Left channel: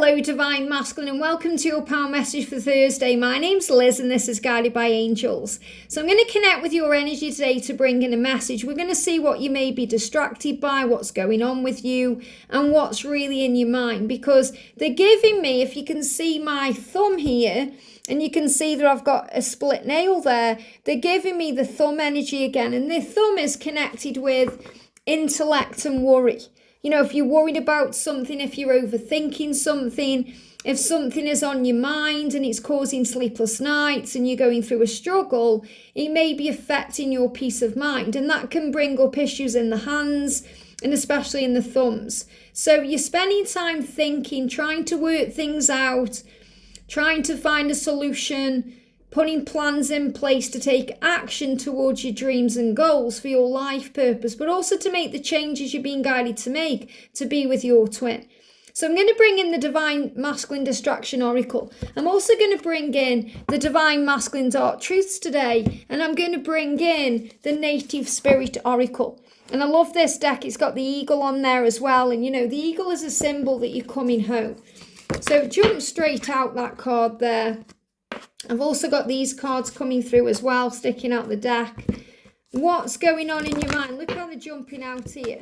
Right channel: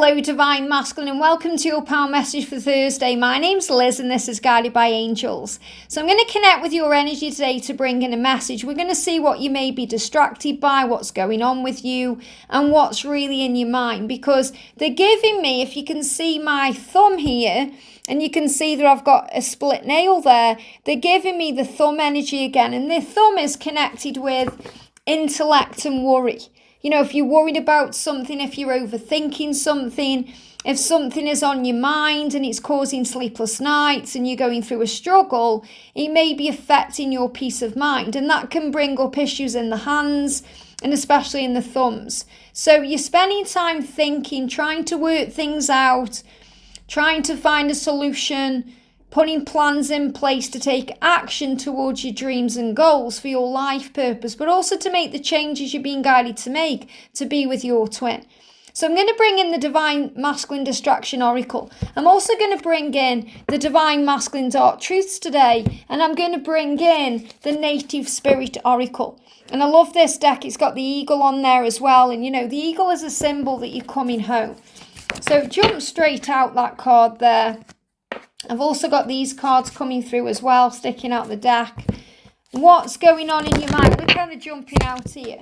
Hello, Divine Masculine, and welcome to your Power Message for Thursday. My name's Liz, and this is Guided by Angels. So I'm going to connect with your energy today to bring in a message. We're going to see what you may be distracted by, what's going on with you, and what's really in your mind. Because they're giving me, if you can see my thumb here, and you can see that I've got a split nail there, they're giving me the thumb energy again. And the thumb is connected with intellect and worry. You know, if you're worried about something, if you're overthinking something, if something is on your mind and it's causing sleepless nights and you're going through a struggle, it may be affecting your peace of mind. And that can bring up issues in the hands and especially in the thumbs. So you're spending time thinking, trying to work things out, trying to find a solution, putting plans in place to take action towards your dreams and goals for your life purpose, but also to make the changes you're being guided to make to be with your twin. So I'm going to bring in the Divine Masculine Distraction Oracle. I'm also going to bring in the Divine Masculine Dark Truths today, and I'm going to bring in the Native Spirit Oracle. And I love this deck. It's got the eagle on there as well, and you know, the eagle is a symbol that you're coming home. So jump straight out that card there. I've also got these cards coming through as well, sticking out the deck. What's going on in your mind? We're kind of jumping out here.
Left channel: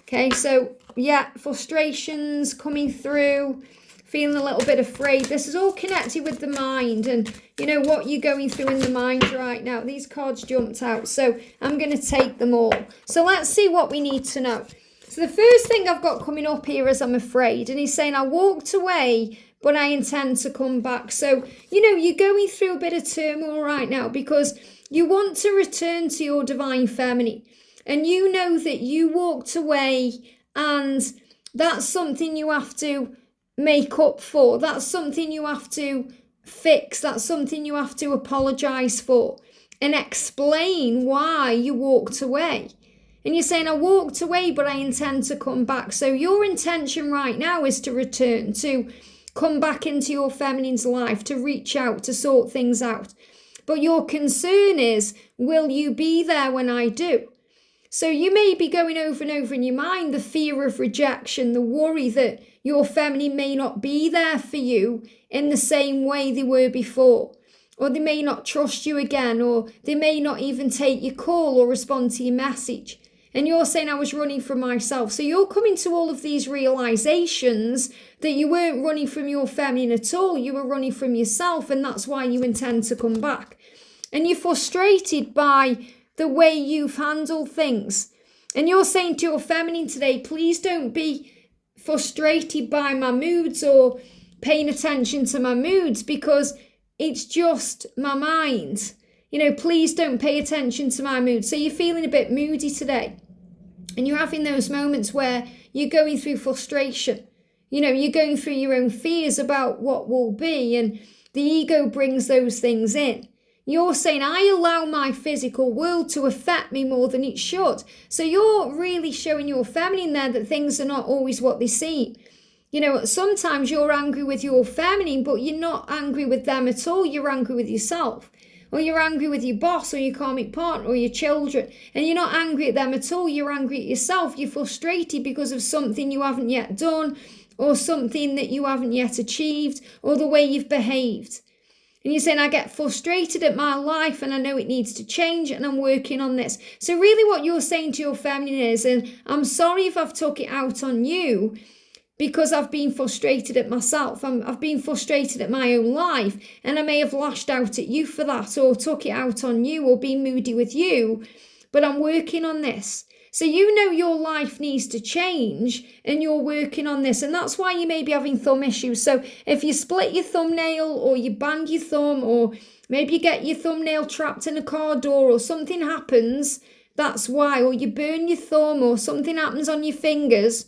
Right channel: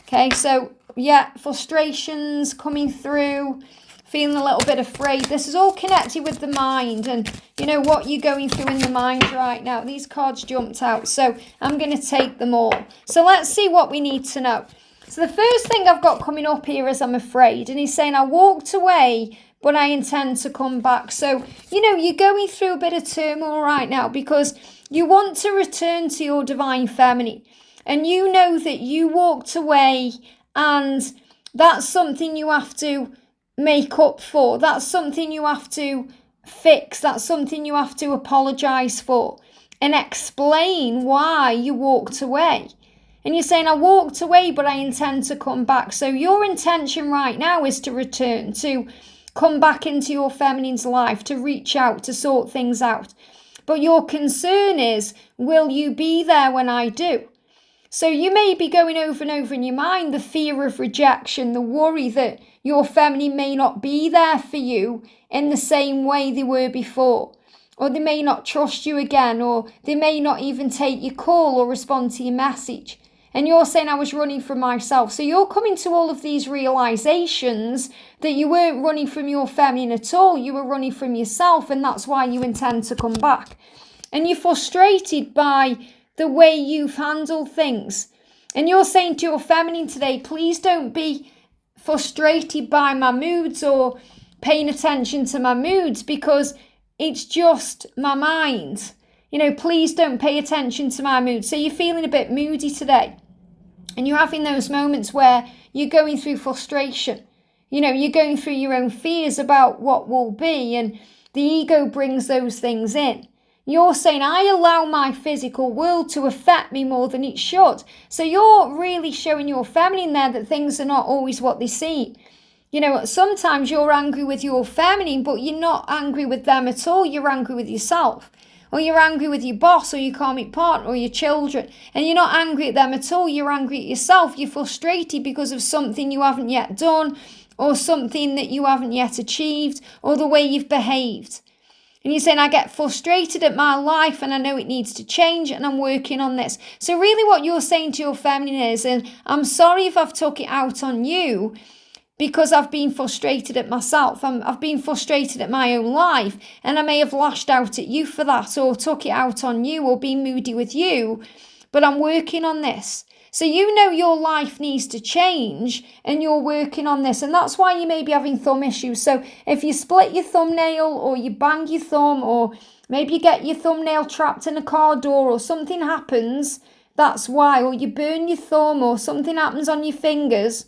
Okay, so yeah, frustrations coming through, feeling a little bit afraid. This is all connected with the mind and, you know, what you're going through in the mind right now. These cards jumped out, so I'm going to take them all. So let's see what we need to know. So the first thing I've got coming up here is I'm afraid. And he's saying, I walked away, but I intend to come back. So, you know, you're going through a bit of turmoil right now because you want to return to your divine feminine. And you know that you walked away and that's something you have to make up for. That's something you have to fix. That's something you have to apologize for and explain why you walked away. And you're saying, I walked away, but I intend to come back. So your intention right now is to return, to come back into your feminine's life, to reach out, to sort things out. But your concern is, will you be there when I do? So you may be going over and over in your mind the fear of rejection, the worry that your feminine may not be there for you in the same way they were before. Or they may not trust you again, or they may not even take your call or respond to your message. And you're saying, I was running from myself. So you're coming to all of these realizations that you weren't running from your feminine at all. You were running from yourself, and that's why you intend to come back. And you're frustrated by the way you've handled things. And you're saying to your feminine today, please don't be frustrated by my moods or paying attention to my moods because it's just my mind. You know, please don't pay attention to my mood. So you're feeling a bit moody today. And you're having those moments where you're going through frustration. You know, you're going through your own fears about what will be. And the ego brings those things in. You're saying, I allow my physical world to affect me more than it should. So you're really showing your feminine there that things are not always what they seem. You know, sometimes you're angry with your feminine, but you're not angry with them at all. You're angry with yourself. Or you're angry with your boss or your karmic partner or your children. And you're not angry at them at all. You're angry at yourself. You're frustrated because of something you haven't yet done or something that you haven't yet achieved or the way you've behaved. And you're saying, I get frustrated at my life and I know it needs to change and I'm working on this. So really what you're saying to your feminine is, and I'm sorry if I've took it out on you, because I've been frustrated at myself. I've been frustrated at my own life and I may have lashed out at you for that or took it out on you or been moody with you, but I'm working on this. So you know your life needs to change and you're working on this, and that's why you may be having thumb issues. So if you split your thumbnail or you bang your thumb or maybe you get your thumbnail trapped in a car door or something happens, that's why. Or you burn your thumb or something happens on your fingers,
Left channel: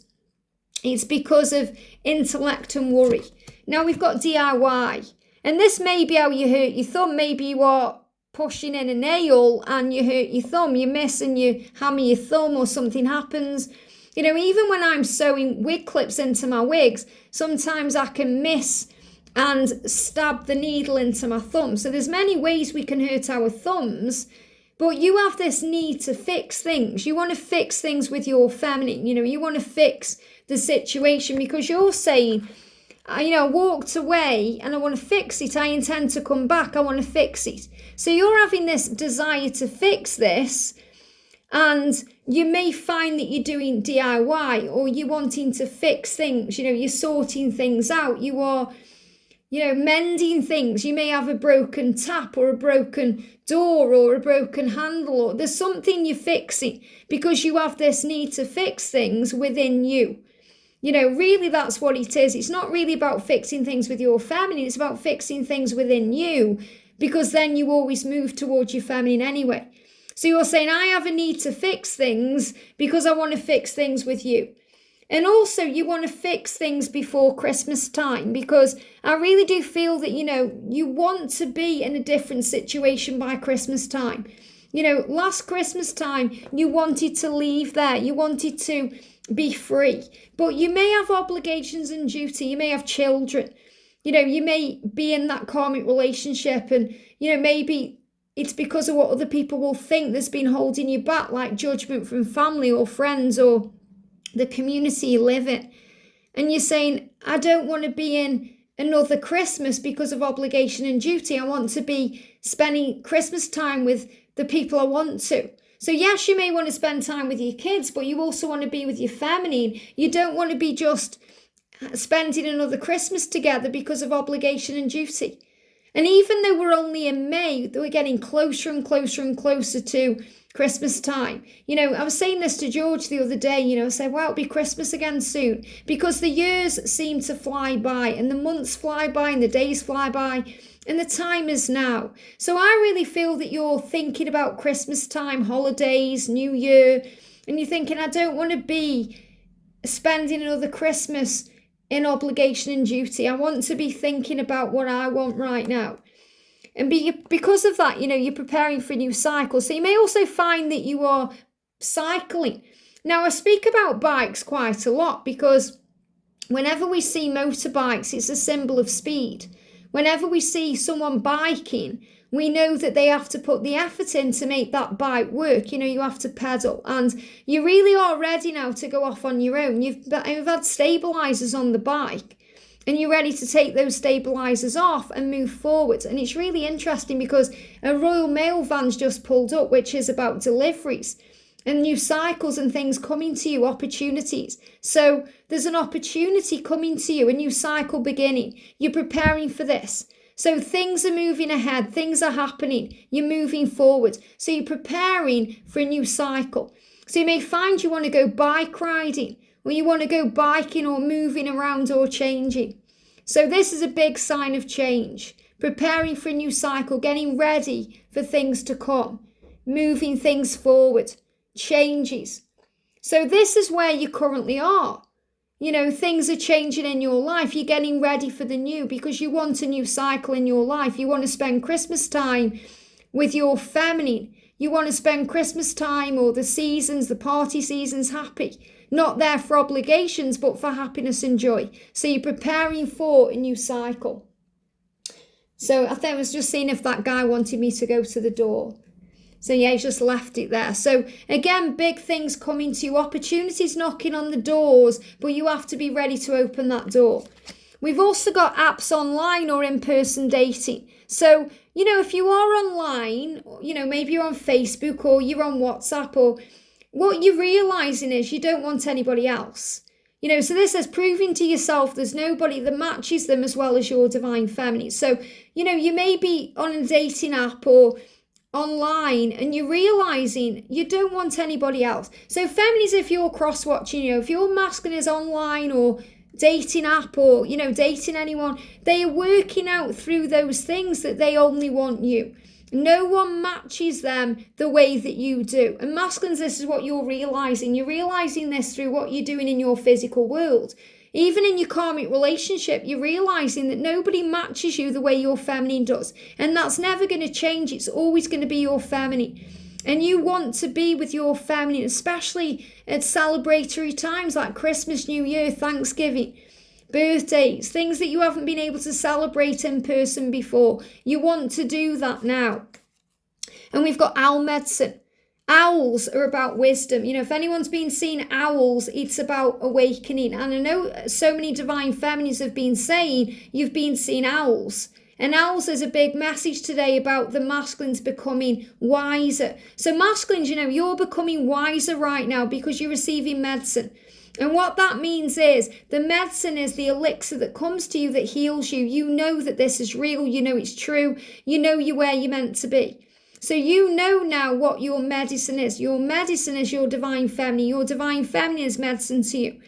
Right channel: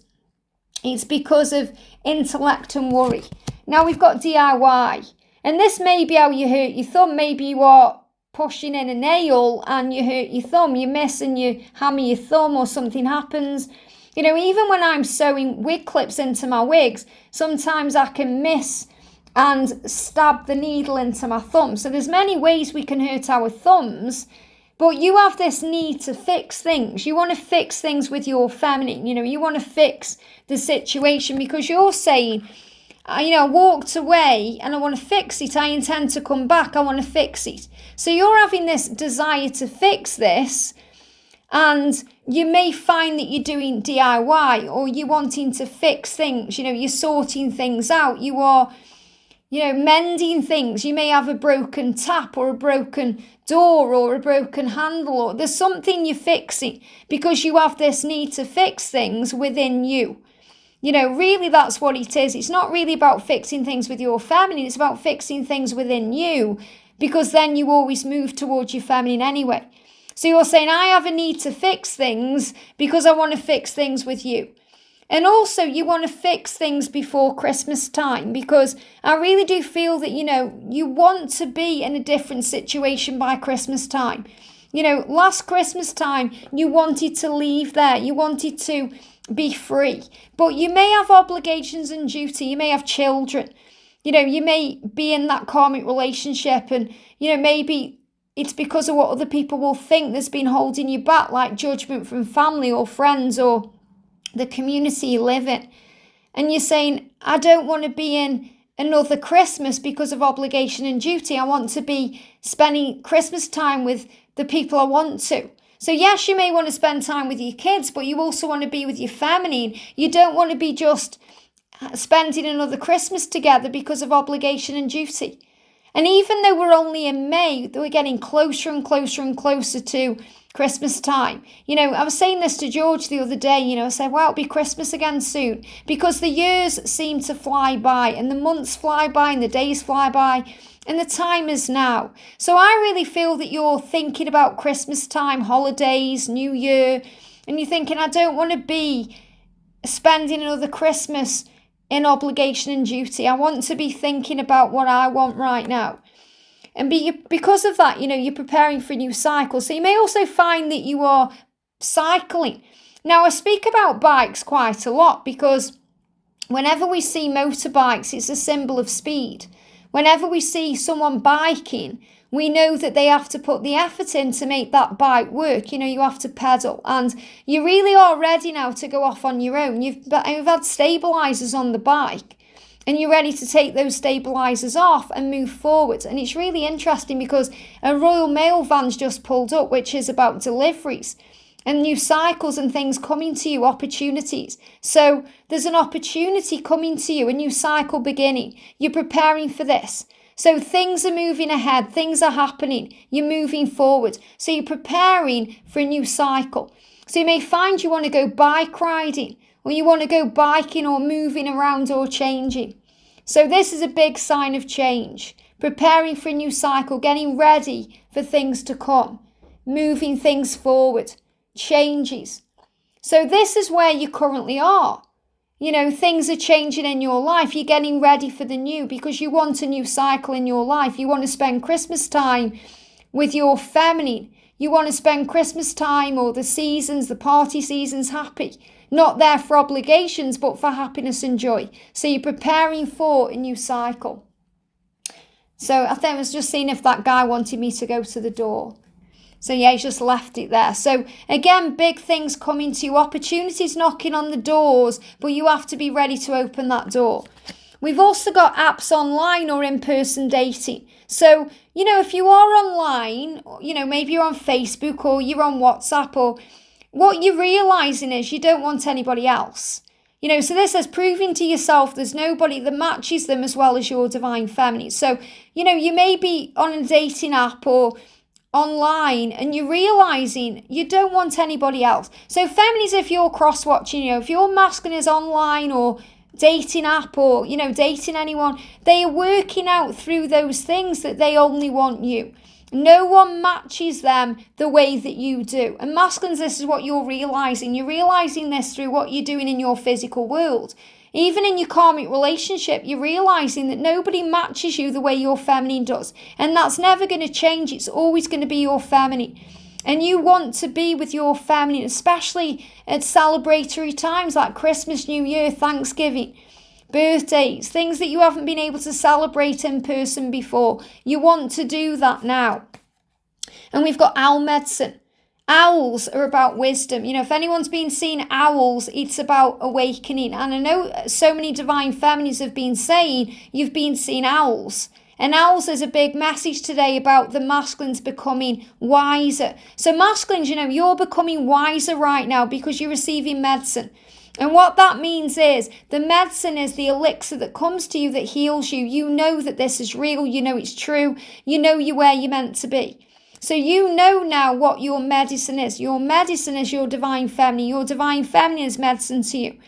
it's because of intellect and worry. Now we've got DIY. And this may be how you hurt your thumb. Maybe you are pushing in a nail and you hurt your thumb. You miss and you hammer your thumb or something happens. You know, even when I'm sewing wig clips into my wigs, sometimes I can miss and stab the needle into my thumb. So there's many ways we can hurt our thumbs. But you have this need to fix things. You want to fix things with your feminine. You know, you want to fix the situation because you're saying, I walked away and I want to fix it. I intend to come back. I want to fix it. So you're having this desire to fix this, and you may find that you're doing DIY, or you're wanting to fix things. You're sorting things out. You are, mending things. You may have a broken tap or a broken door or a broken handle, or there's something you're fixing because you have this need to fix things within you. Really that's what it is. It's not really about fixing things with your feminine. It's about fixing things within you, because then you always move towards your feminine anyway. So you're saying, I have a need to fix things because I want to fix things with you. And also you want to fix things before Christmas time, because I really do feel that, you want to be in a different situation by Christmas time. Last Christmas time, you wanted to leave there. You wanted to be free, but you may have obligations and duty. You may have children. You may be in that karmic relationship, and, maybe it's because of what other people will think that's been holding you back, like judgment from family or friends or the community you live in. And you're saying, I don't want to be in another Christmas because of obligation and duty. I want to be spending Christmas time with the people I want to. So yes, you may want to spend time with your kids, but you also want to be with your family. You don't want to be just spending another Christmas together because of obligation and duty. And even though we're only in May, we're getting closer and closer and closer to Christmas time. I was saying this to George the other day, I said, well, it'll be Christmas again soon, because the years seem to fly by, and the months fly by, and the days fly by, and the time is now. So I really feel that you're thinking about Christmas time, holidays, New Year, and you're thinking, I don't want to be spending another Christmas in obligation and duty. I want to be thinking about what I want right now. And because of that, you're preparing for a new cycle. So you may also find that you are cycling. Now, I speak about bikes quite a lot, because whenever we see motorbikes, it's a symbol of speed. Whenever we see someone biking, we know that they have to put the effort in to make that bike work. You have to pedal, and you really are ready now to go off on your own. You've had stabilizers on the bike, and you're ready to take those stabilizers off and move forward. And it's really interesting, because a Royal Mail van's just pulled up, which is about deliveries and new cycles and things coming to you, opportunities. So there's an opportunity coming to you, a new cycle beginning. You're preparing for this. So things are moving ahead, things are happening, you're moving forward. So you're preparing for a new cycle. So you may find you want to go bike riding, or you want to go biking or moving around or changing. So this is a big sign of change, preparing for a new cycle, getting ready for things to come, moving things forward, changes. So this is where you currently are. Things are changing in your life. You're getting ready for the new because you want a new cycle in your life. You want to spend Christmas time with your feminine. You want to spend Christmas time, or the seasons, the party seasons, happy. Not there for obligations, but for happiness and joy. So you're preparing for a new cycle. So I think I was just seeing if that guy wanted me to go to the door. So yeah, he's just left it there. So again, big things coming to you, opportunities knocking on the doors, but you have to be ready to open that door. We've also got apps online or in-person dating. So, if you are online, maybe you're on Facebook or you're on WhatsApp, or what you're realizing is you don't want anybody else. So this is proving to yourself there's nobody that matches them as well as your divine feminine. So, you may be on a dating app or online, and you're realizing you don't want anybody else. So feminines, if you're cross-watching, if your masculine is online or dating app or, dating anyone, they are working out through those things that they only want you. No one matches them the way that you do. And masculines, this is what you're realizing. You're realizing this through what you're doing in your physical world. Even in your karmic relationship, you're realizing that nobody matches you the way your feminine does. And that's never going to change. It's always going to be your feminine. And you want to be with your feminine, especially at celebratory times like Christmas, New Year, Thanksgiving, birthdays, things that you haven't been able to celebrate in person before. You want to do that now. And we've got owl medicine. Owls are about wisdom. If anyone's been seeing owls, it's about awakening. And I know so many divine feminines have been saying you've been seeing owls. And owls is a big message today about the masculines becoming wiser. So masculines, you're becoming wiser right now because you're receiving medicine. And what that means is the medicine is the elixir that comes to you that heals you. You know that this is real. You know it's true. You know you're where you're meant to be. So you know now what your medicine is. Your medicine is your divine feminine. Your divine feminine is medicine to you.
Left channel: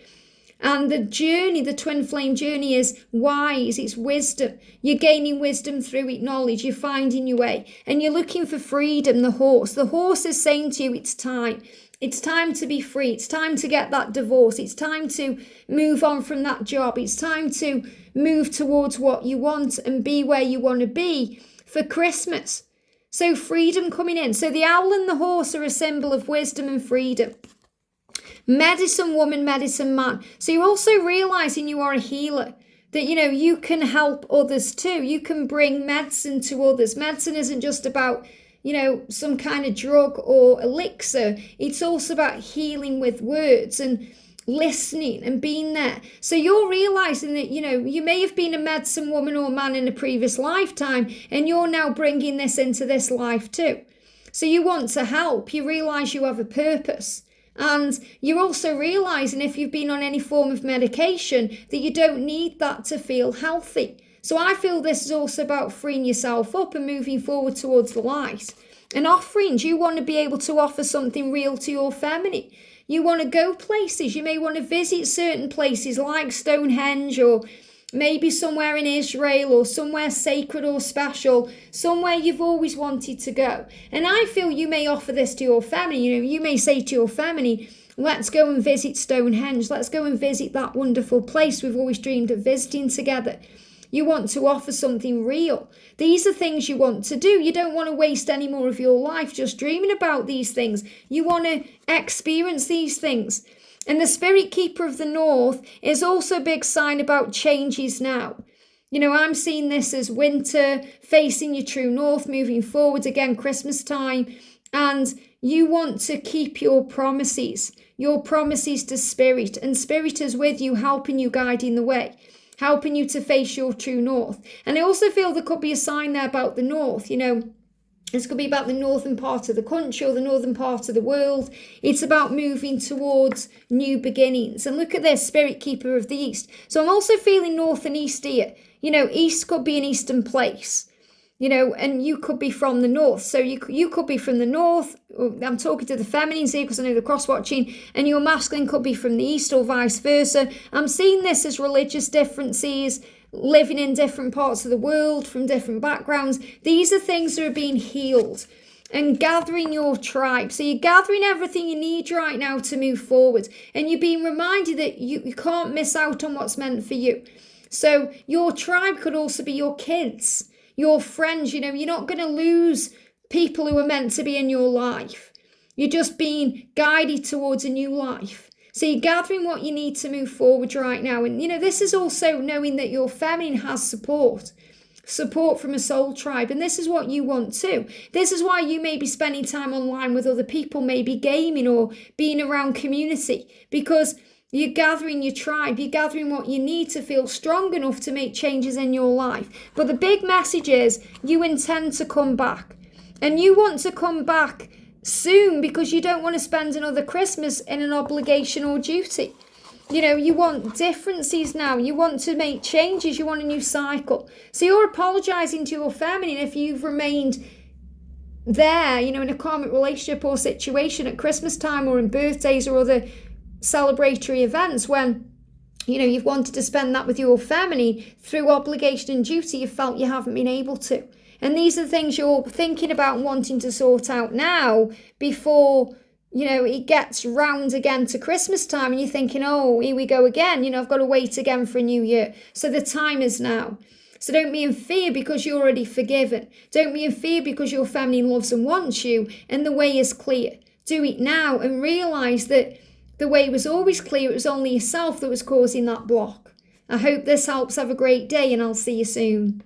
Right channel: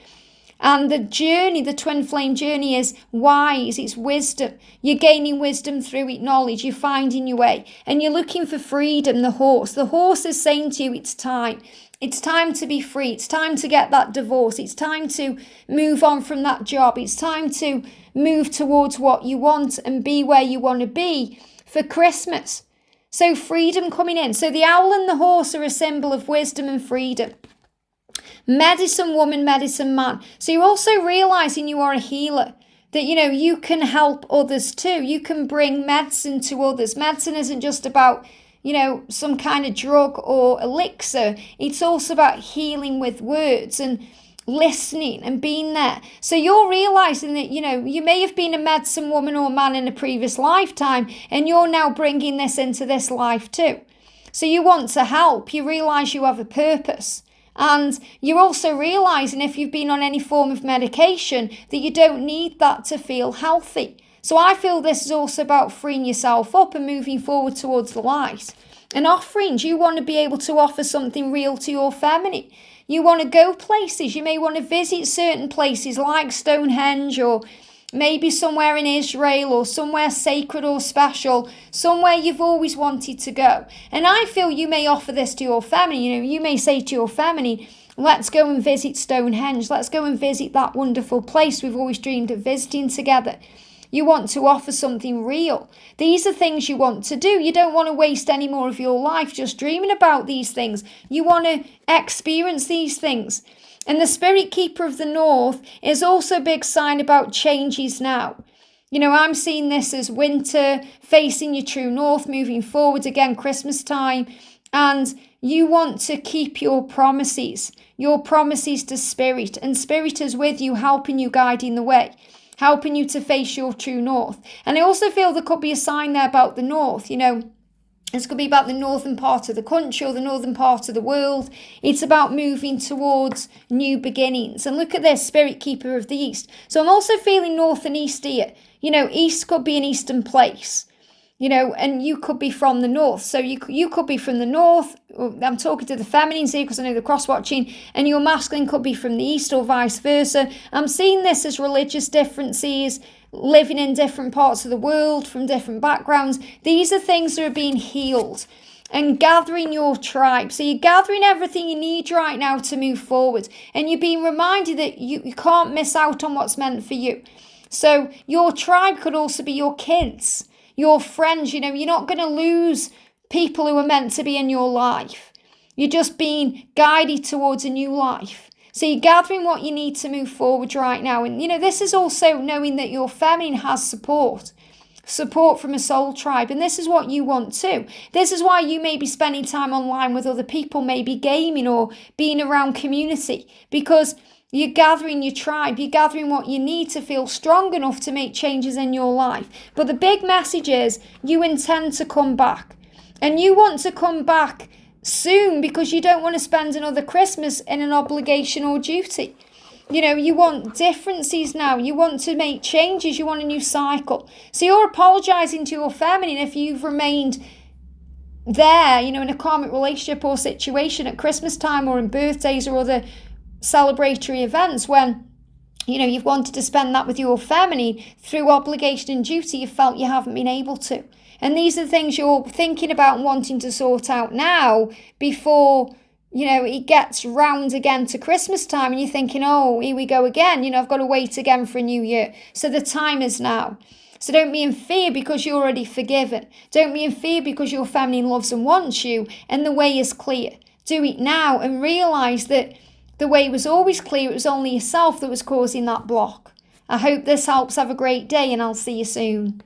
And the journey, the twin flame journey is wise. It's wisdom. You're gaining wisdom through it, knowledge. You're finding your way. And you're looking for freedom, the horse. The horse is saying to you, it's time. It's time to be free. It's time to get that divorce. It's time to move on from that job. It's time to move towards what you want and be where you want to be for Christmas. So freedom coming in. So the owl and the horse are a symbol of wisdom and freedom. Medicine woman, medicine man. So you're also realizing you are a healer. That, you can help others too. You can bring medicine to others. Medicine isn't just about some kind of drug or elixir. It's also about healing with words and listening and being there. So you're realizing that, you may have been a medicine woman or man in a previous lifetime, and you're now bringing this into this life too. So you want to help. You realize you have a purpose. And you're also realizing if you've been on any form of medication that you don't need that to feel healthy. So I feel this is also about freeing yourself up and moving forward towards the light. And offerings, you want to be able to offer something real to your feminine. You want to go places. You may want to visit certain places like Stonehenge, or maybe somewhere in Israel, or somewhere sacred or special, somewhere you've always wanted to go. And I feel you may offer this to your feminine. You may say to your feminine, let's go and visit Stonehenge. Let's go and visit that wonderful place we've always dreamed of visiting together. You want to offer something real. These are things you want to do. You don't want to waste any more of your life just dreaming about these things. You want to experience these things. And the spirit keeper of the north is also a big sign about changes now. I'm seeing this as winter, facing your true north, moving forward again, Christmas time. And you want to keep your promises to spirit. And spirit is with you, helping you, guiding the way, helping you to face your true north. And I also feel there could be a sign there about the north. This could be about the northern part of the country or the northern part of the world. It's about moving towards new beginnings. And look at this, spirit keeper of the east. So I'm also feeling north and east here. East could be an eastern place. And you could be from the north. So you could be from the north. I'm talking to the feminines here because I know they're cross-watching. And your masculine could be from the east or vice versa. I'm seeing this as religious differences, living in different parts of the world, from different backgrounds. These are things that are being healed. And gathering your tribe. So you're gathering everything you need right now to move forward. And you're being reminded that you can't miss out on what's meant for you. So your tribe could also be your kids, your friends. You're not going to lose people who are meant to be in your life. You're just being guided towards a new life. So you're gathering what you need to move forward right now. And, this is also knowing that your feminine has support from a soul tribe. And this is what you want too. This is why you may be spending time online with other people, maybe gaming or being around community, because you're gathering your tribe. You're gathering what you need to feel strong enough to make changes in your life. But the big message is you intend to come back. And you want to come back soon because you don't want to spend another Christmas in an obligation or duty. You want differences now. You want to make changes. You want a new cycle. So you're apologizing to your feminine if you've remained there, in a karmic relationship or situation at Christmas time or in birthdays or other celebratory events when, you've wanted to spend that with your feminine through obligation and duty. You felt you haven't been able to. And these are the things you're thinking about and wanting to sort out now before, it gets round again to Christmas time and you're thinking, oh, here we go again. I've got to wait again for a new year. So the time is now. So don't be in fear because you're already forgiven. Don't be in fear because your feminine loves and wants you and the way is clear. Do it now and realise that the way was always clear. It was only yourself that was causing that block. I hope this helps. Have a great day and I'll see you soon.